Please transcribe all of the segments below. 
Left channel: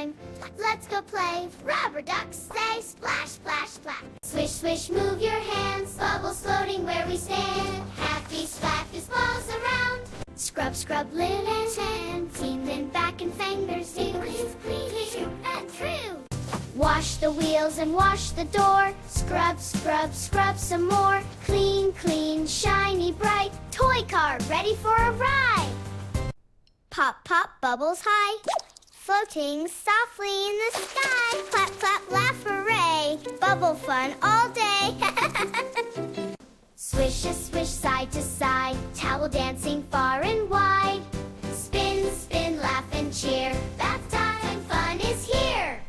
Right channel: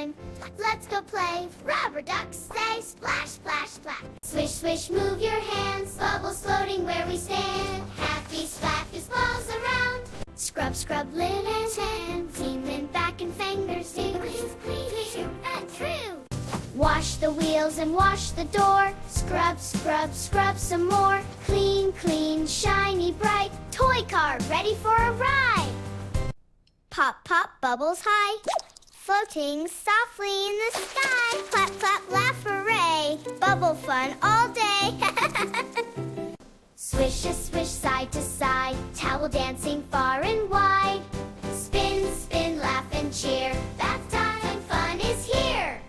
time. Let's go play. Rubber ducks say splash, splash, splash. Swish, swish, move your hands. Bubbles floating where we stand. Happy splash bubbles around. Scrub, scrub, Lily's hands. Clean them back and fingers. Clean, clean, and through. Wash the wheels and wash the door. Scrub, scrub, scrub some more. Clean, clean, shiny, bright. Toy car ready for a ride. Pop, pop, bubbles high. Floating softly in the sky. Clap, clap, laugh, hooray. Bubble fun all day. Swish a swish side to side. Towel dancing far and wide. Spin, spin, laugh and cheer. Bath time and fun is here.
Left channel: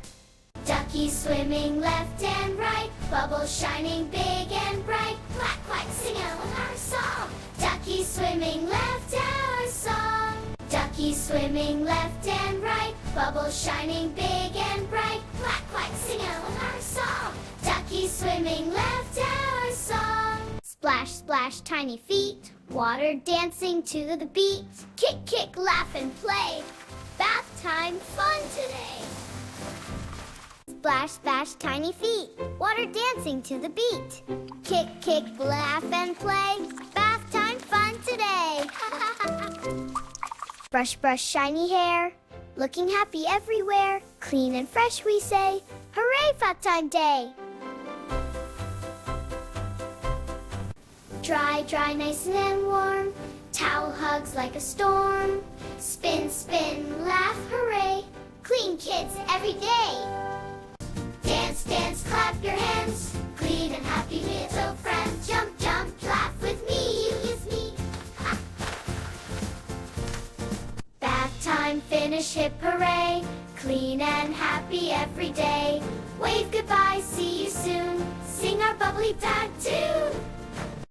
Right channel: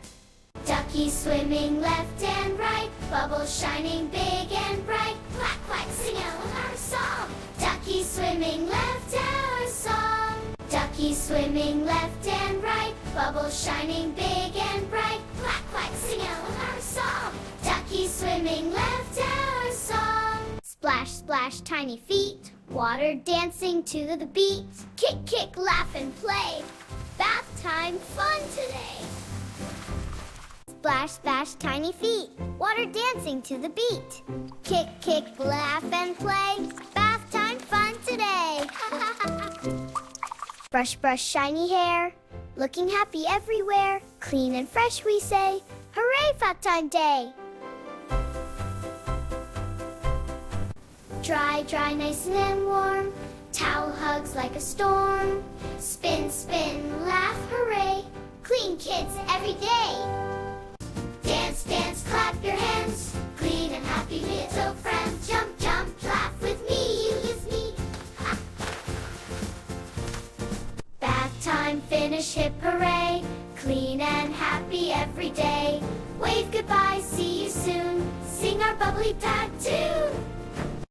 Duckies swimming left and right. Bubbles shining big and bright. Quack, quack, sing out our song. Duckies swimming left and our song. Duckies swimming left and right. Bubbles shining big and bright. Quack, quack, sing out our song. Duckies swimming left and our song. Splash, splash, tiny feet. Water dancing to the beat. Kick, kick, laugh and play. Bath time fun today. Splash, splash, tiny feet. Water dancing to the beat. Kick, kick, laugh and play. Bath time fun today. Brush, brush, shiny hair. Looking happy everywhere. Clean and fresh we say. Hooray, bath time day. Dry, dry, nice and warm. Towel hugs like a storm. Spin, spin, laugh, hooray. Clean kids every day. Dance, dance, clap your hands. Clean and happy little friends. Jump, jump, laugh with me. Yes, me. Bath time, finish, hip, hooray. Clean and happy every day. Wave goodbye, see you soon. Sing our bubbly bath tune.